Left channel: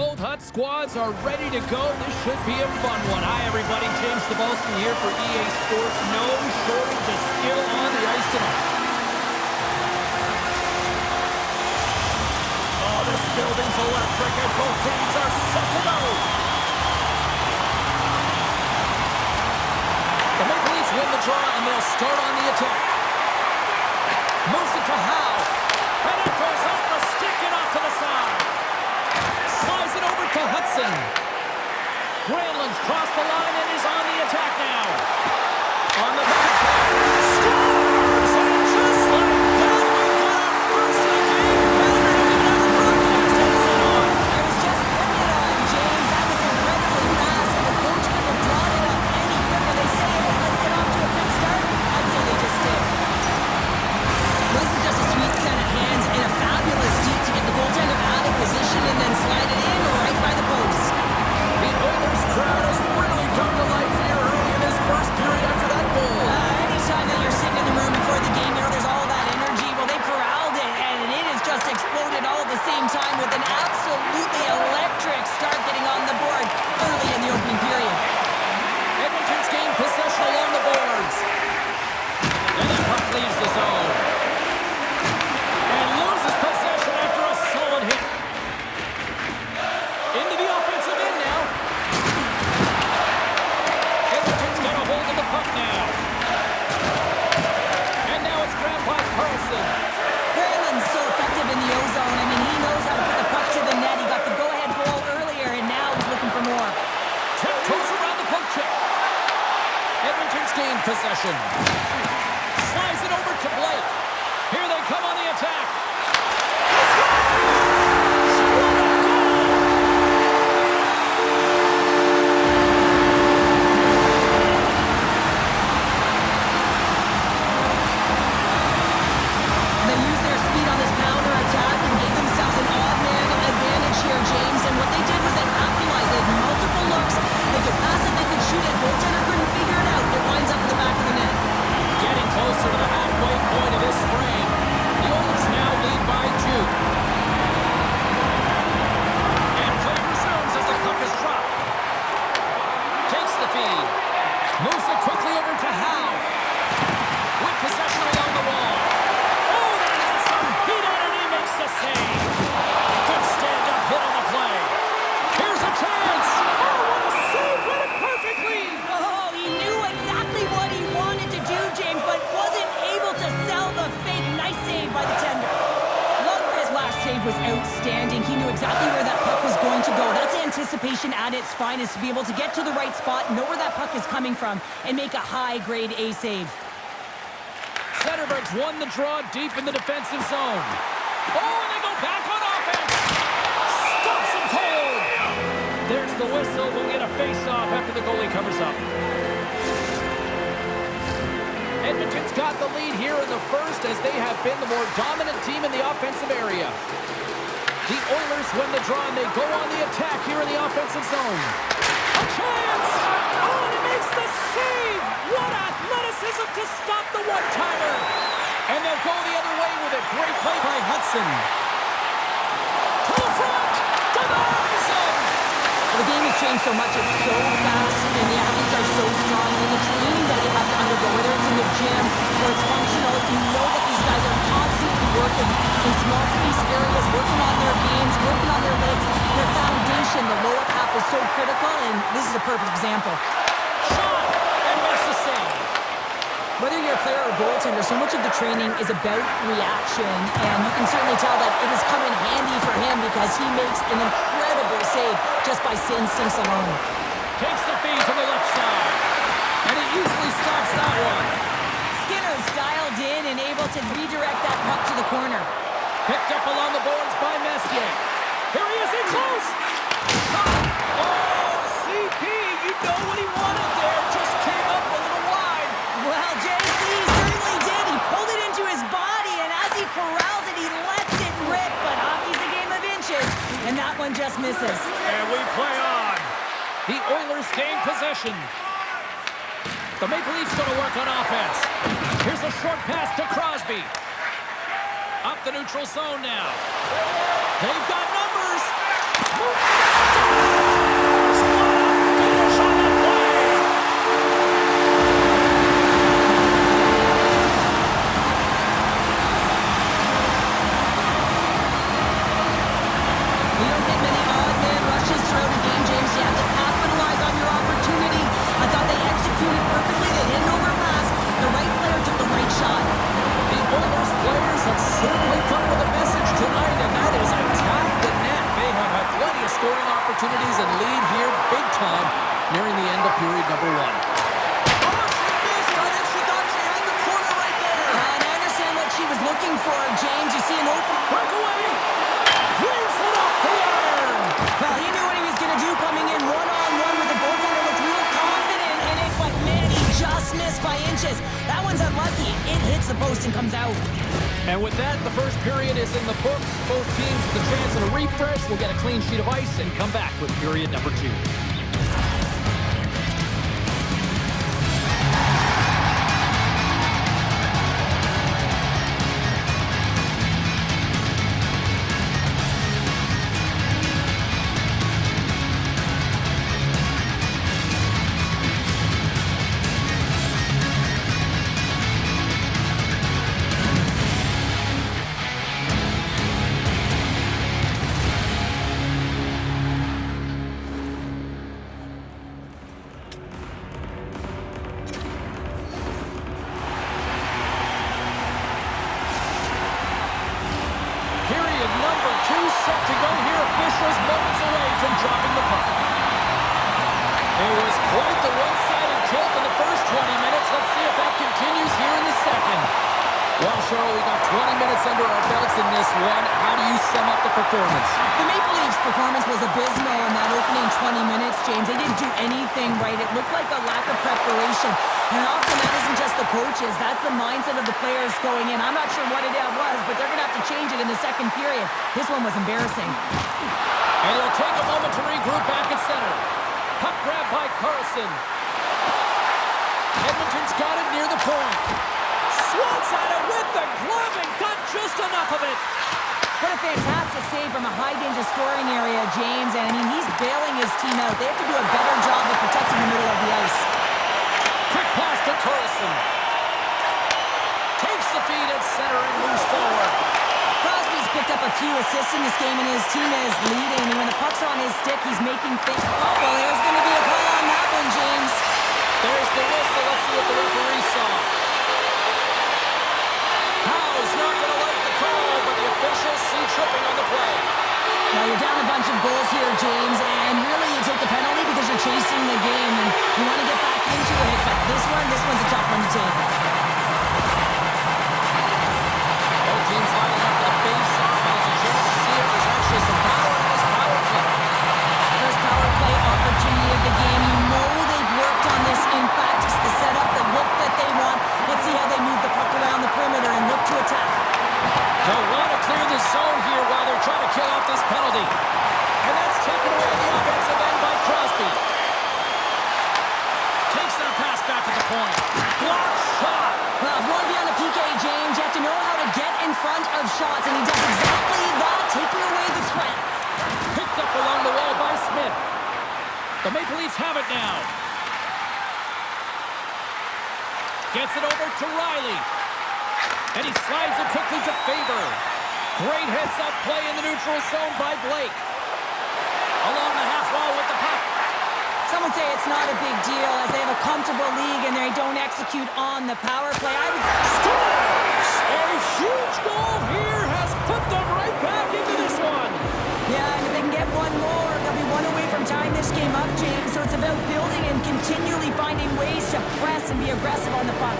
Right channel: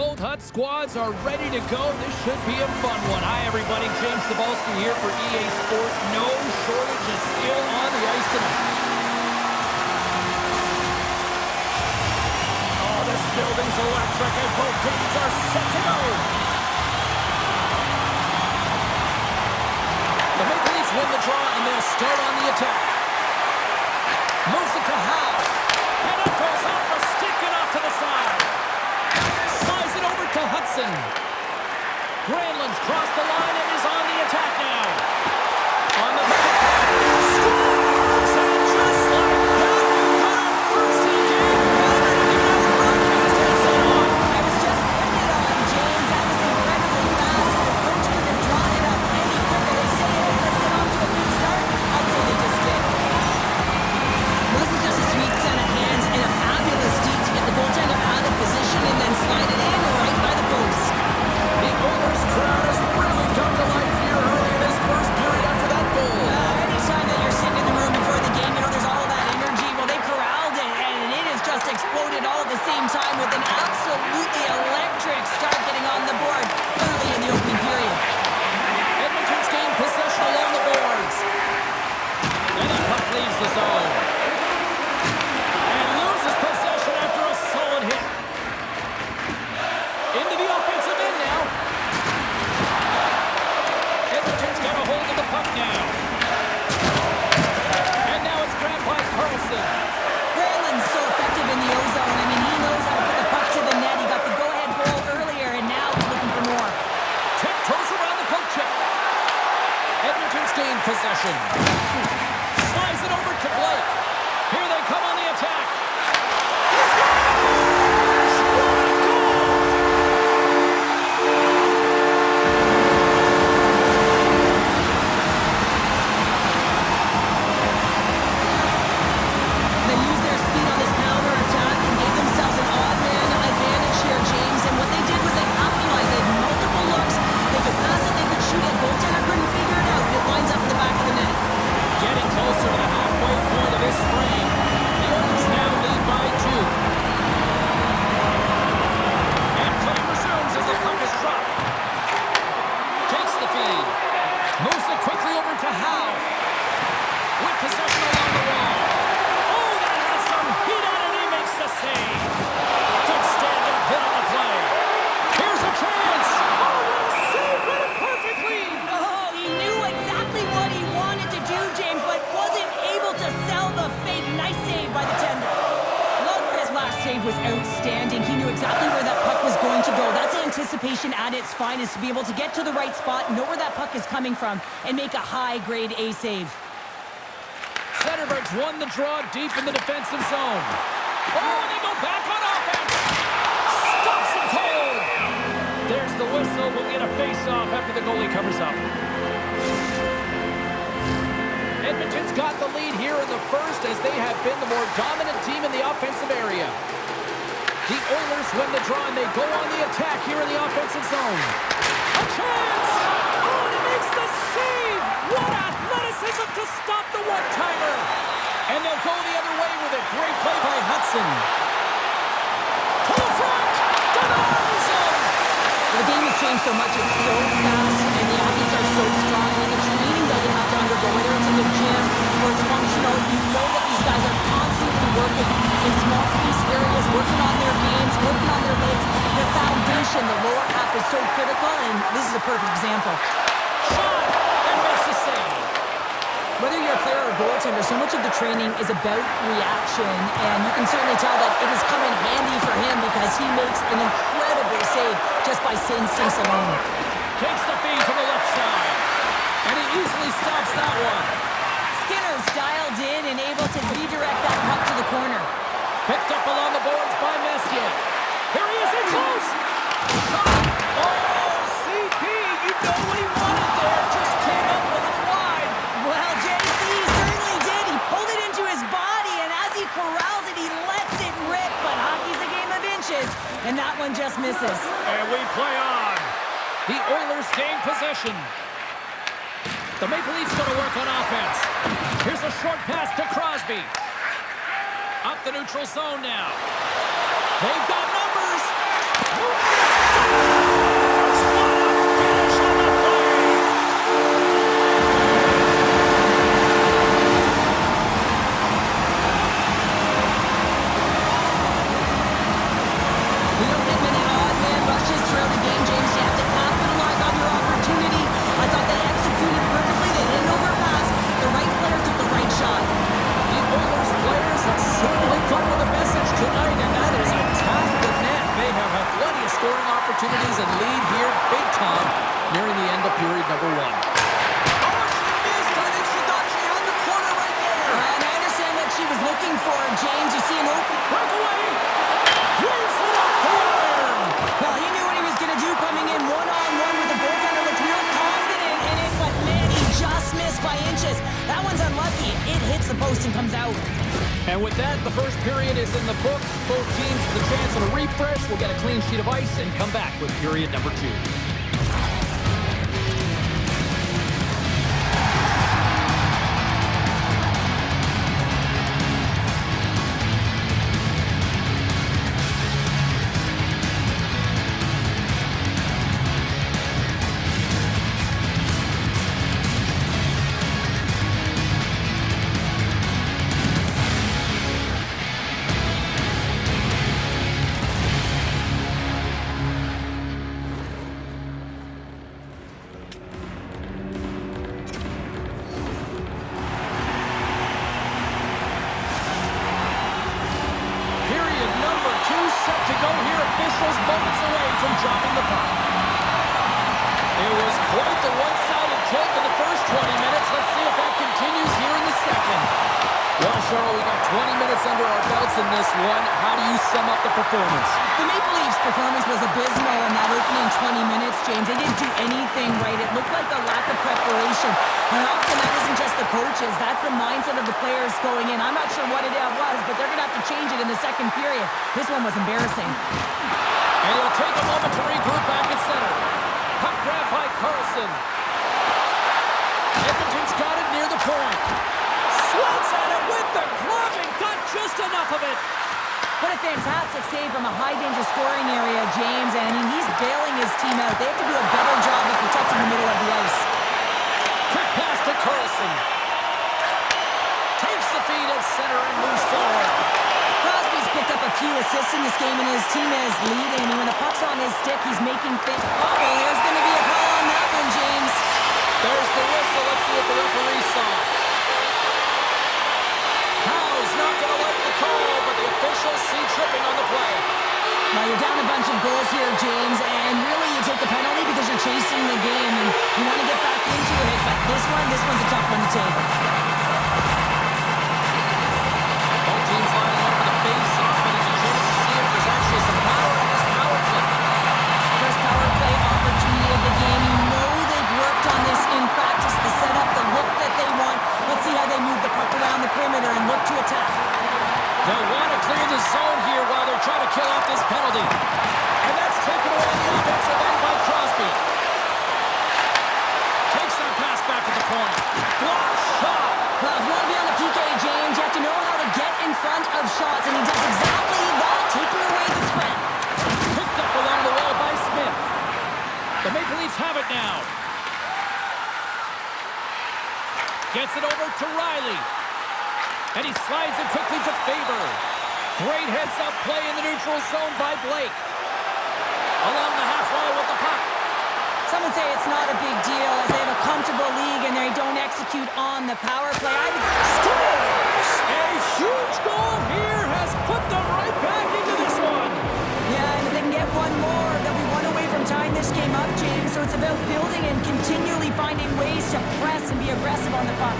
Both Hut squads are ready to go. This should be a fun one. Hi, everybody. James Cebulski here for EA Sports. No shortage of skill on the ice tonight. Oh, this building's electric, and both teams are set to go. The Maple Leafs win the draw, and they'll start on the attack. Moves it to Howe. And it goes off the stick and off to the side. Slides it over to Hudson. Granlund's crossed the line and is on the attack now. On the backhand. Scores! And just like that, we've got our first in the game. Pounder didn't even have a broadcast headset on. I was just putting it on, James. That was incredibly fast, and the coach couldn't have drawn it up any quicker. They say, hey, let's get off to a good start. I'd say they just did. Wasn't just a sweet set of hands and a fabulous deed to get the goaltender out of position and then slide it in right by the post. The Oilers crowd has really come to life here early in this first period after that goal. Anytime that you're sitting in the room before the game, you know there's all that energy. Well, they corralled it, and it has just exploded all at the same time with an absolutely electric start getting on the board early in the opening period. Edmonton's gained possession along the boards. And the puck leaves the zone. And loses possession after a solid hit. Into the offensive end now. Edmonton's got a hold of the puck now. And now it's grabbed by Carlson. Granlund's so effective in the O-zone. I mean, he knows how to put the puck to the net. He got the go-ahead goal earlier, and now he's looking for more. Tiptoes around the poke check. Edmonton's gained possession. Slides it over to Blake. Here they come on the attack. He scores! What a goal! They used their speed on this counter attack and gave themselves an odd man advantage here, James. And what they did was they capitalized. They had multiple looks. They could pass it, they could shoot it. Goaltender couldn't figure it out. It winds up in the back of the net. Getting closer to the halfway point of this frame. The Oilers now lead by 2. And play resumes as the puck is dropped. Takes the feed. Moves it quickly over to Howe. With possession along the wall. Oh, that has some heat on it. He makes the save. Good stand-up hit on the play. Here's a chance. Oh, what a save. Read it perfectly. Oh, he knew exactly what he wanted to do, James, but wasn't able to sell the fake. Nice save by the tender. Lundqvist's last save was outstanding. He knew exactly where that puck was going to go. That's anticipation at its finest, to be able to get to the right spot, know where that puck is coming from, and make a high-grade A save. Zetterberg's won the draw deep in the defensive zone. Oh, and they go back on offense. Stops him cold. There's the whistle. We'll get a face-off after the goalie covers up. Edmonton's got the lead here in the first as they have been the more dominant team in the offensive area. The Oilers win the draw and they go on the attack here in the offensive zone. A chance! Oh, and he makes the save! What athleticism to stop the one-timer! And they'll go the other way with a great play by Hudson. To the front! Denies him! Well, the game has changed so much. It's so fast, and the athletes are so strong. I mean, the training that you have to undergo, whether it's in the gym or it's functional, you know that these guys are constantly working in small space areas, working on their games, working on their legs. Their foundation, the lower half, is so critical, and this is a perfect example. Shot! And makes the save. Whether you're a player or a goaltender, so much of the training is about reaction, and you can certainly tell that it has come in handy for him because he makes an incredible save just by instincts alone. Takes the feed from the left side, and he easily stops that one. Skinner's dialed in and able to redirect that puck to the corner. Picked up along the boards by Messier. Here he is in close. Shot! Oh, CP, you know what he wanted there. Just came up a little wide. Well, JC certainly did. He pulled it into his body, and as he corrals it, he lets it rip. But hockey's a game of inches, and that one just misses. And we play on. The Oilers gain possession. The Maple Leafs going to work on offense. Here's a short pass to Crosby. Up the neutral zone now. They've got numbers. Scores! What a finish on the play! You don't get many odd man rushes throughout a game, James. You have to capitalize on your opportunity. I thought they executed perfectly. They didn't overpass. The right player took the right shot. The Oilers players have certainly come with a message tonight, and that is attack the net. They have had plenty of scoring opportunities and lead here big time nearing the end of period number 1. Oh, she missed. I think she thought she had the corner right there. And I understand what she was looking for, James. You see an open Breakaway! Waves it off the iron! Well, he knew what he was going to do coming in one-on-one with the goaltender. Looked real confident in it, but man, he just missed by inches. That one's unlucky. It hits the post and comes out. And with that, the first period is in the books. Both teams with a chance at a refresh will get a clean sheet of ice and come back with period number 2. Period number 2 set to go here. Officials moments away from dropping the puck. It was quite the one-sided tilt in the first 20 minutes. Let's see if that continues here in the second. Well, Cheryl, we got 20 minutes under our belts in this one. How do you sum up the performance? The Maple Leafs' performance was abysmal in that opening 20 minutes, James. They didn't do anything right. It looked like a lack of preparation. And often that isn't just the coaches. That's the mindset of the players going in. I'm not sure what it was, but they're going to have to change it in the second period. This one was embarrassing. And he'll take a moment to regroup back at center. Puck grab by Carlson. Edmonton's got it near the point. Swats at it with the glove and got just enough of it. What a fantastic save from a high-danger scoring area, James. And, I mean, he's bailing his team out. They have to do a better job of protecting the middle of the ice. Quick pass to Carlson. Takes the feed at center and moves forward. Crosby's picked up a few assists in this game, and his team is leading. And when the puck's on his stick, he's making things... Oh, well, there's going to be a call on that one, James. There's the whistle. Let's see what the referee saw. Howe's not going to like the call, but the officials see tripping on the play. Now, you're down a bunch of goals here, James, and really you take the penalty because you're chasing the game, and you want to get back into it, but this one's a tough one to take. Both teams lining up for the face-off, and it's a chance to see if there's actually some power in this power play. First power play opportunity of the game. You know they've worked on this in practice, the setup, the look that they want. Let's see how they move the puck around the perimeter and look to attack. They'll want to clear the zone here while they're trying to kill off this penalty. And that's taken away on the offensive end by Crosby. Takes that pass back at the point. Block shot. Well, if you want to be on the PK, James, you have to know how to get in front of shots, and he does exactly that, taking away the threat. Picked up along the wall by Smith. The Maple Leafs have it now. Gets it over to Riley. And he slides it quickly to Faber. Great heads-up play in the neutral zone by Blake. Along the half wall with the puck. Some would say it's not a big deal as they have a comfortable league and they don't execute on the power play. Scores! A huge goal here has put them right back into this one. Yeah, and if they can get one more, they'll be one away from tying this game up, James. So it's about building and continually finding ways to press and be aggressive on the puck.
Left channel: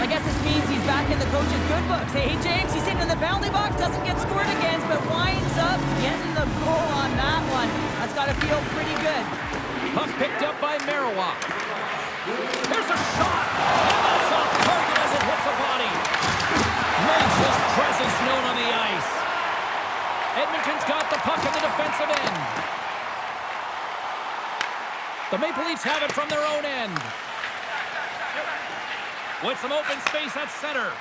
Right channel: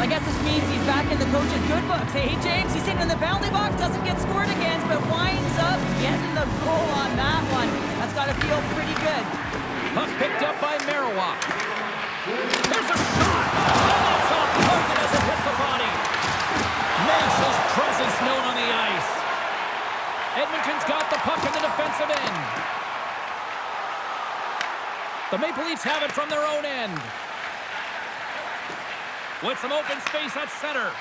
I guess this means he's back in the coach's good books. Hey, James, he's sitting in the penalty box, doesn't get scored against, but winds up getting the goal on that one. That's got to feel pretty good. Puck picked up by Marois. There's a shot, and that's off target as it hits a body. Makes his presence known on the ice. Edmonton's got the puck in the defensive end. The Maple Leafs have it from their own end. With some open space at center.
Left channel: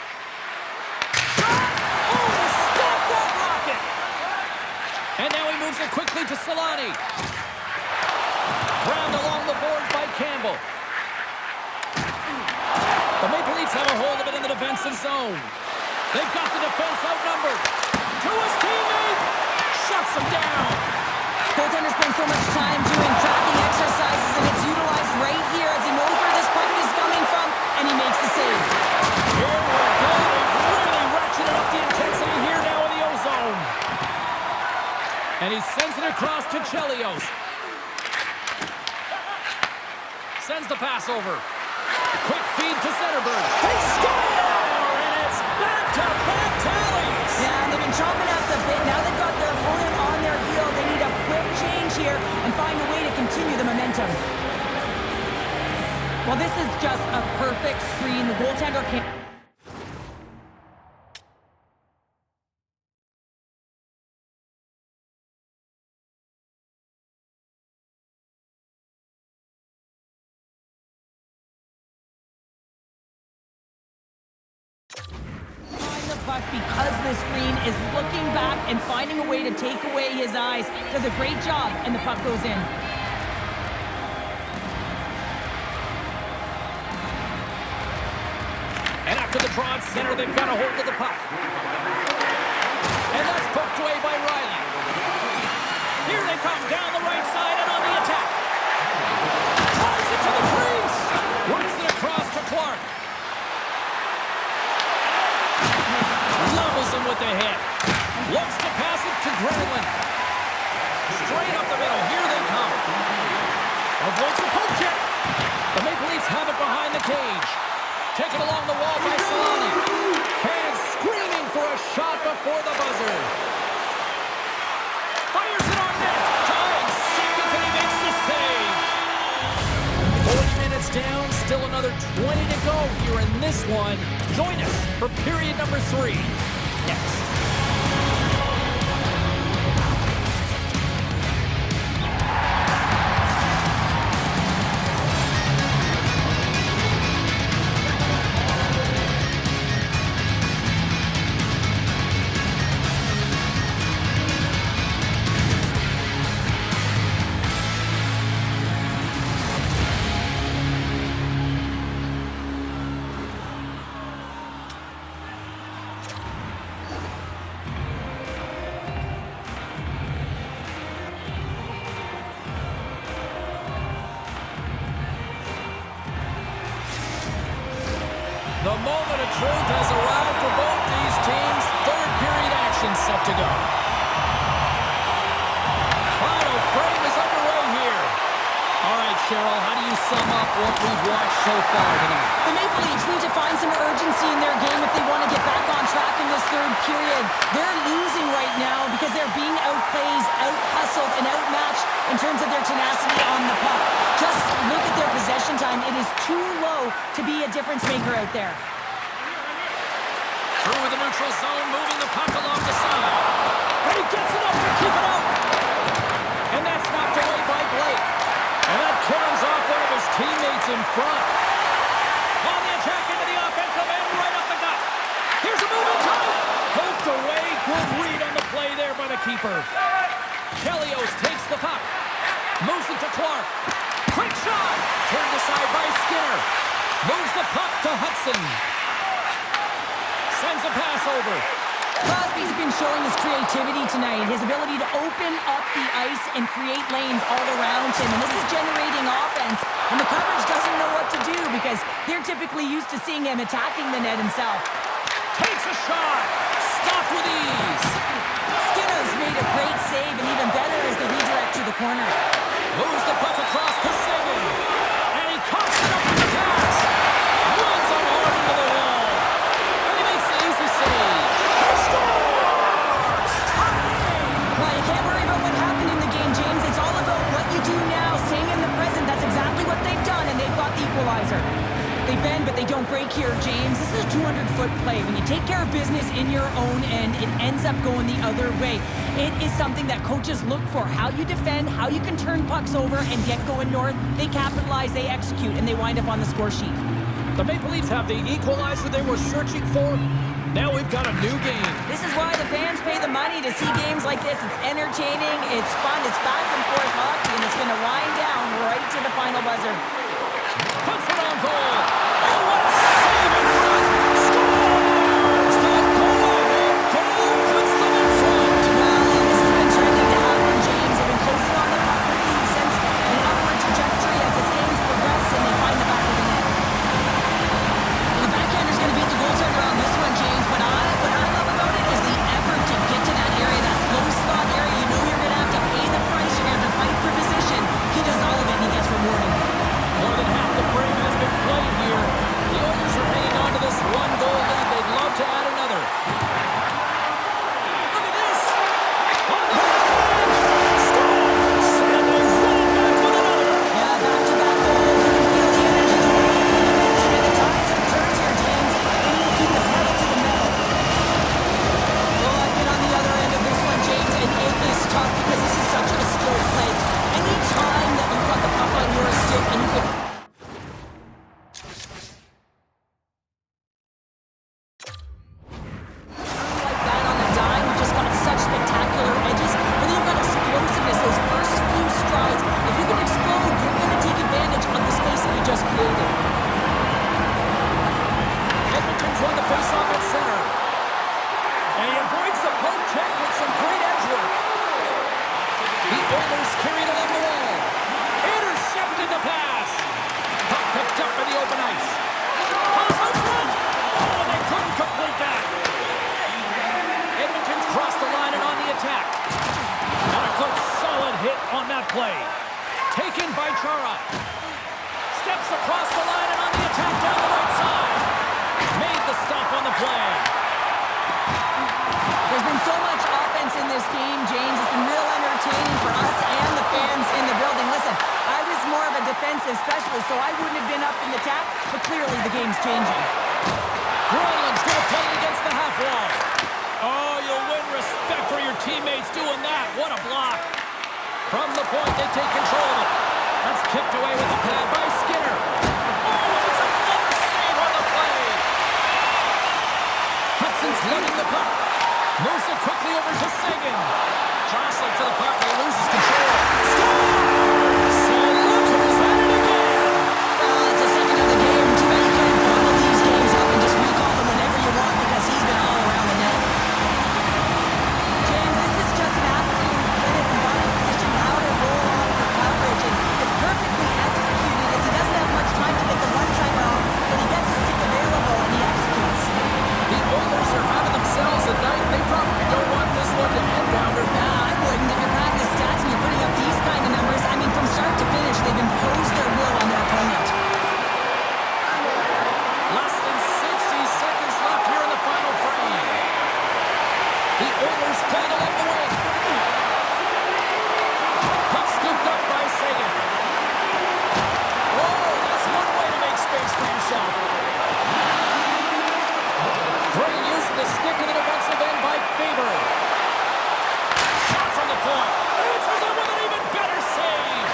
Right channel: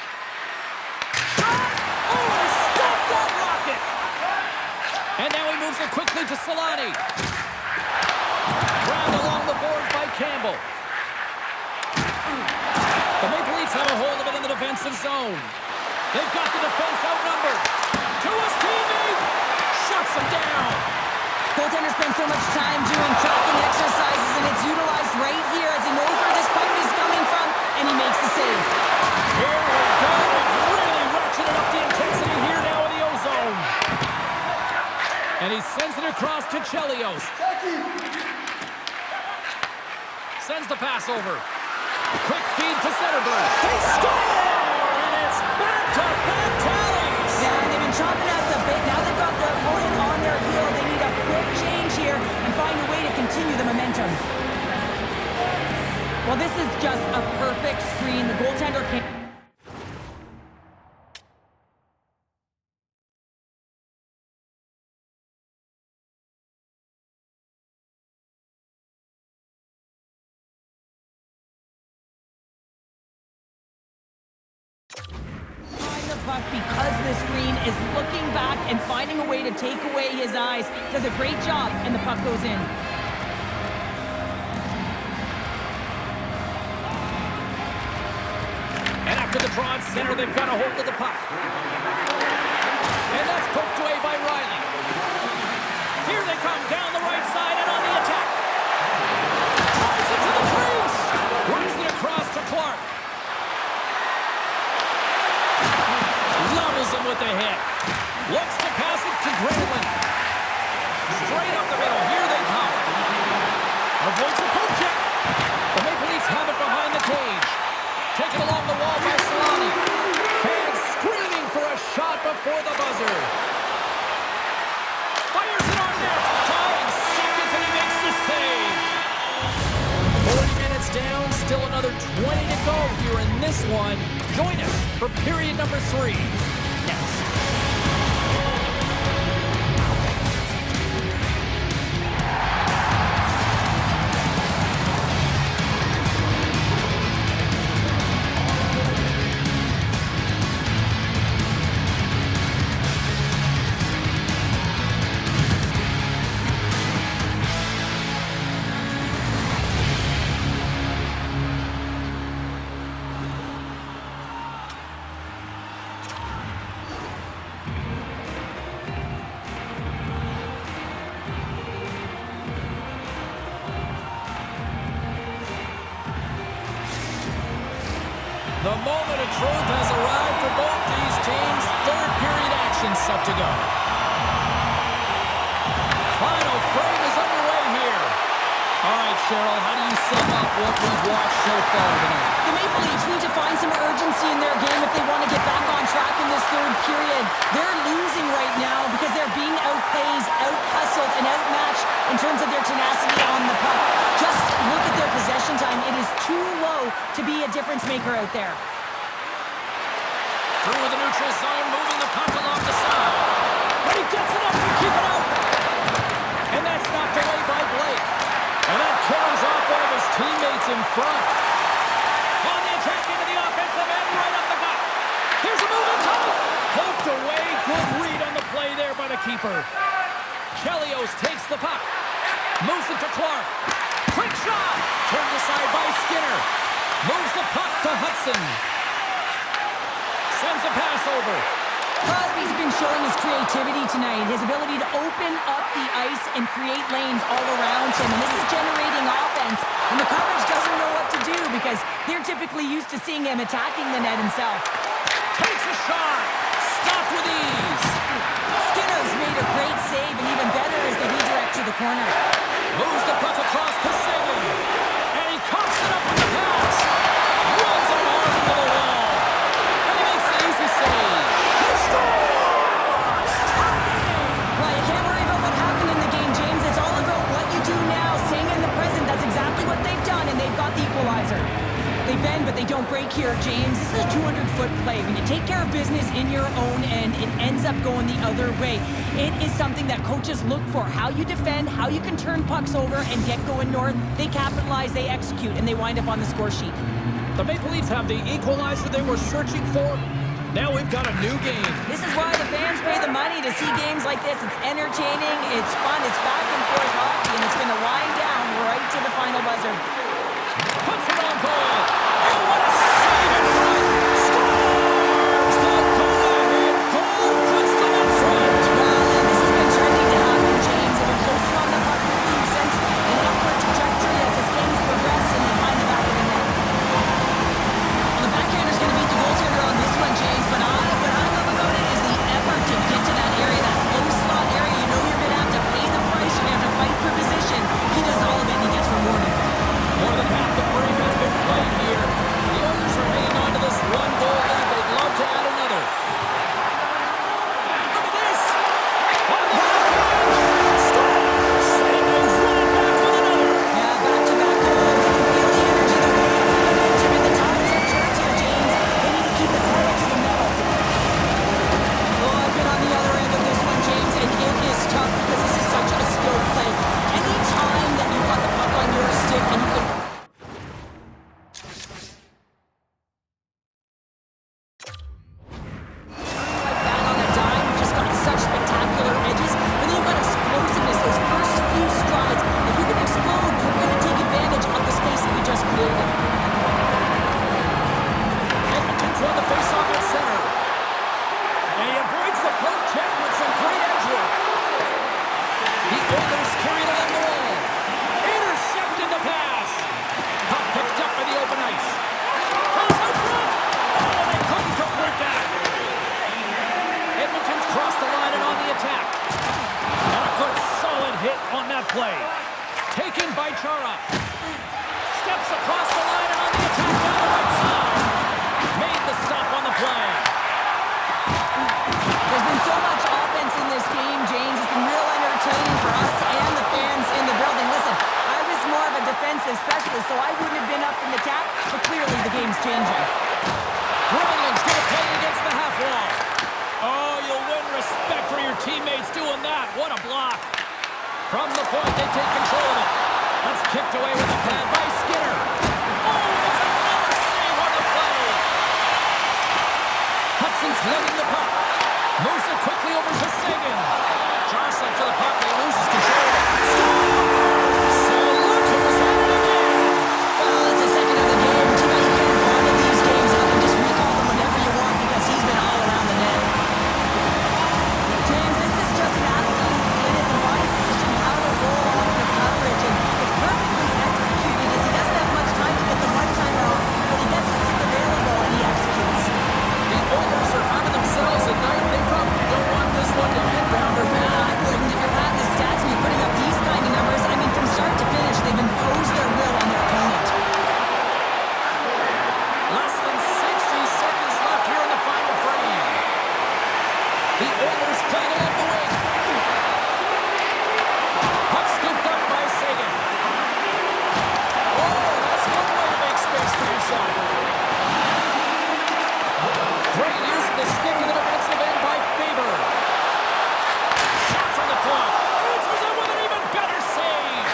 Shot! Oh, he stopped that rocket! And now he moves it quickly to Solani. Grabbed along the boards by Campbell. The Maple Leafs have a hold of it in the defensive zone. They've got the defense outnumbered. To his teammate. Shuts him down. Goaltender spends so much time doing tracking exercises, and it's utilized right here as he knows where this puck is coming from, and he makes the save. Here we go. They've really ratcheted up the intensity here now in the O-zone. And he sends it across to Chelios. Sends the pass over. Quick feed to Zetterberg. They score! And it's back-to-back tallies! Yeah, and they've been chomping at the bit. Now they've got their opponent on their heel. They need a quick change here and find a way to continue the momentum. Well, this is just a perfect screen. The goaltender can't... the puck because the screen is looking back and finding a way to take away his eyes. Does a great job, and the puck goes in. And after the draw at center, they've got a hold of the puck. And that's poked away by Riley. Here they come down the right side and on the attack. Drives it to the crease. Works it across to Clark. Levels him with the hit. Looks to pass it to Granlund. Straight up the middle. Here they come. Avoids the poke check. The Maple Leafs have it behind the cage. Taken along the wall by Solani. Fans screaming for a shot before the buzzer. Fires it on net. Tying seconds and he makes the save. 40 minutes down. Still another 20 to go here in this one. Join us for period number 3. Next. The moment of truth has arrived for both these teams. Third period action set to go. Final frame is underway here. All right, Cheryl, how do you sum up what we've watched so far tonight? The Maple Leafs need to find some urgency in their game if they want to get back on track in this third period. They're losing right now because they're being outplayed, out-hustled, and outmatched in terms of their tenacity on the puck. Just look at their possession time. It is too low to be a difference maker out there. Through the neutral zone, moving the puck along the side. And he gets it up to keep it out. And that's knocked away by Blake. And that carries off one of his teammates in front. On the attack into the offensive end, right up the gut. Here's a move in tight. Poked away. Good read on the play there by the keeper. Chelios takes the puck. Moves it to Clark. Quick shot. Turned aside by Skinner. Moves the puck to Hudson. Sends a pass over. Crosby's been showing his creativity tonight, his ability to open up the ice and create lanes all around him. And this is generating offense. And the coverage doesn't know what to do because they're typically used to seeing him attacking the net himself. Takes a shot. Stopped with ease. Skinner's made a great save, and even better as they redirect to the corner. Moves the puck across to Sagan. And he coughs it up with the pass. Runs unarmed into the wall. And he makes the easy save. He scores! Tie game! Well, you can't worry about what happened in the game, James. It's all about what you do now, staying in the present. That's exactly what they've done, and they've got the equalizer. They bend, but they don't break here, James. This is a 200-foot play. When you take care of business in your own end, it ends up going the other way. It is something that coaches look for. How you defend, how you can turn pucks over and get going north. They capitalize, they execute, and they wind up on the score sheet. The Maple Leafs have the equalizer they were searching for. Now we've got a new game. This is why the fans pay the money to see games like this. It's entertaining, it's fun, it's back and forth hockey, and it's going to wind down right to the final buzzer. Puts it on goal. Oh, what a save in front. Scores! The go-ahead goal puts them in front. Well, and this has been trending to happen, James. They've been closing on the puck quickly. You sense an upward trajectory as this game's progressed, and they find the back of the net. Well, the backhander's going to beat the goaltender on this one, James, but what I love about it is the effort to get to that area, that low slot area. You know you're going to have to pay the price. You're going to have to fight for position. He does all of it, and he gets rewarded. More than half the frame has been played here. The Oilers are hanging on to this one-goal lead. They'd love to add another. Look at this! On the backhand! Scores! And they run it back with another. Yeah, back-to-back goals. You can feel the energy, the wave, the momentum, and the tides have turned here, James. They need to keep the pedal to the metal. Oh, I've been on the other end of this one, James, and it is tough because this is such a skilled play. Any time that you've got the puck on your stick and you can... like that on a dime, you've just got such spectacular edges, but then you've got explosiveness, those first few strides. If you can explode, you're going to take advantage of the space that you just created. Edmonton's won the faceoff at center. And he avoids the poke check with some great edge work. The Oilers carry it along the wall. Intercepted the pass. Puck picked up in the open ice. Pass out front. Oh, they couldn't complete that. Edmonton's crossed the line and on the attack. And a good solid hit on that play. Taken by Chara. Steps across the line and on the attack down the right side. Made the stop on the play. There's been so much offense in this game, James. It's been real entertaining for us and the fans in the building. Listen, I was more of a defensive specialist, so I wouldn't have been up in the tap, but clearly the game's changing. Granlund's going to play it against the half wall. Oh, you'll win respect for your teammates doing that. What a block. From the point, they take control of it. That's kicked away with a pad by Skinner. Oh, it's another save on the play. Hudson's lugging the puck. Moves it quickly over to Sagan. Jostling for the puck, and he loses control. Scores! And look who's at it again! Well, it's the second of the game. Too bad you can't bottle these games up and just recall them whenever you want because he's been all around the net. James, this is just an absolute clinic in body position, how to roll off your coverage, and it's perfectly executed as he doesn't have much time to get the one-timer off, but he gets his stick available and he executes. The Oilers are having themselves a night. They probably don't want this one to end, Pounder. Nah, I wouldn't. If you're padding the stats and you're putting up these kind of numbers, I mean, from start to finish, they've imposed their will on their opponent. Less than 60 seconds left here in the final frame. The Oilers playing along the wing. Puck scooped up by Sagan. Oh, that's one way to make space for yourself. Great use of the stick in the defensive end by Faber. Shot from the point. Answers it with an even better save.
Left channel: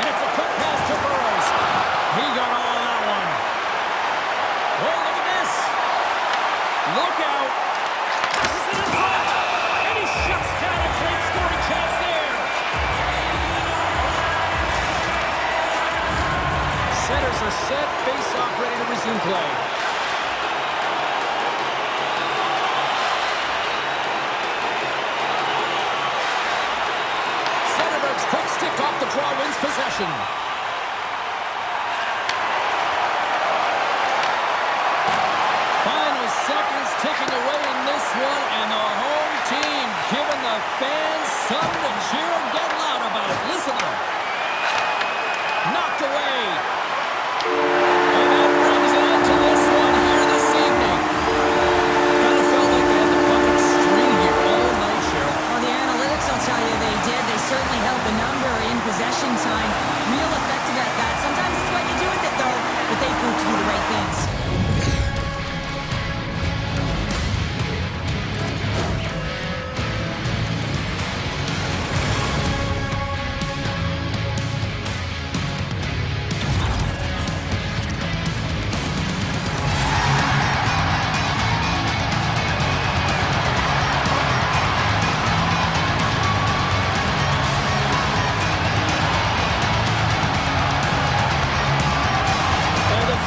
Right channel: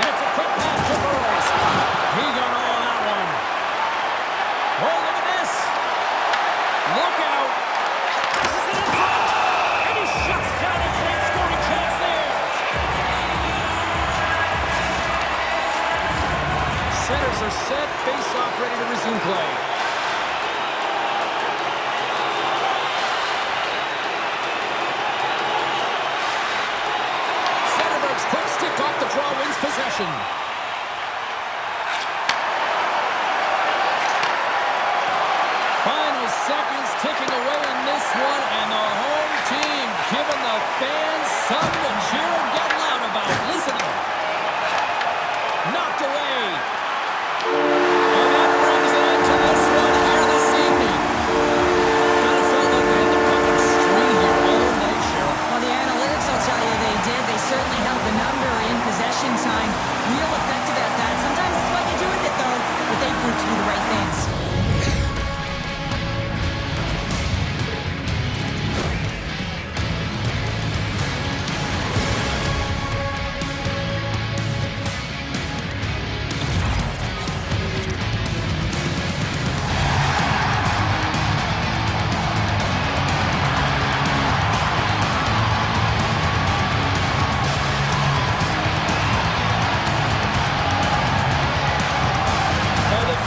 And it's a quick pass to Burrows. He got all of that one. Oh, look at this. Look out. Passes it in front. And he shuts down a great scoring chance there. Centers are set. Face-off ready to resume play. Quick stick off the draw wins possession. Final seconds ticking away in this one, and the home team giving the fans something to cheer and get loud about. Listen to them. Knocked away. And that brings an end to this one here this evening. Kind of felt like they had the puck on a string here all night, Cheryl. Well, the analytics, I'll tell you, they did. They certainly held the number in possession time. Real effective at that. Sometimes it's what you do with it, though, but they proved to do the right things.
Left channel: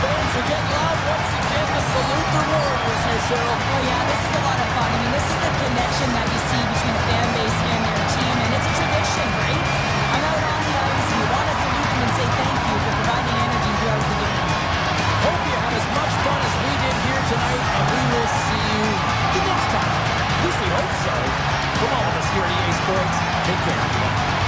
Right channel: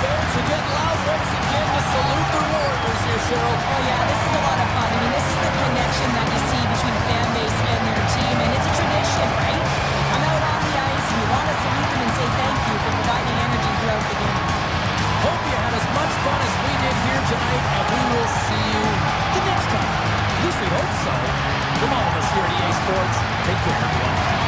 fans are getting loud once again to salute their Warriors here, Cheryl. Oh, yeah, this is a lot of fun. I mean, this is the connection that you see between a fan base and their team, and it's a tradition, right? You come out on the ice, and you want to salute them and say thank you for providing energy throughout the game. Hope you had as much fun as we did here tonight, and we will see you the next time. At least we hope so. From all of us here at EA Sports, take care, everyone.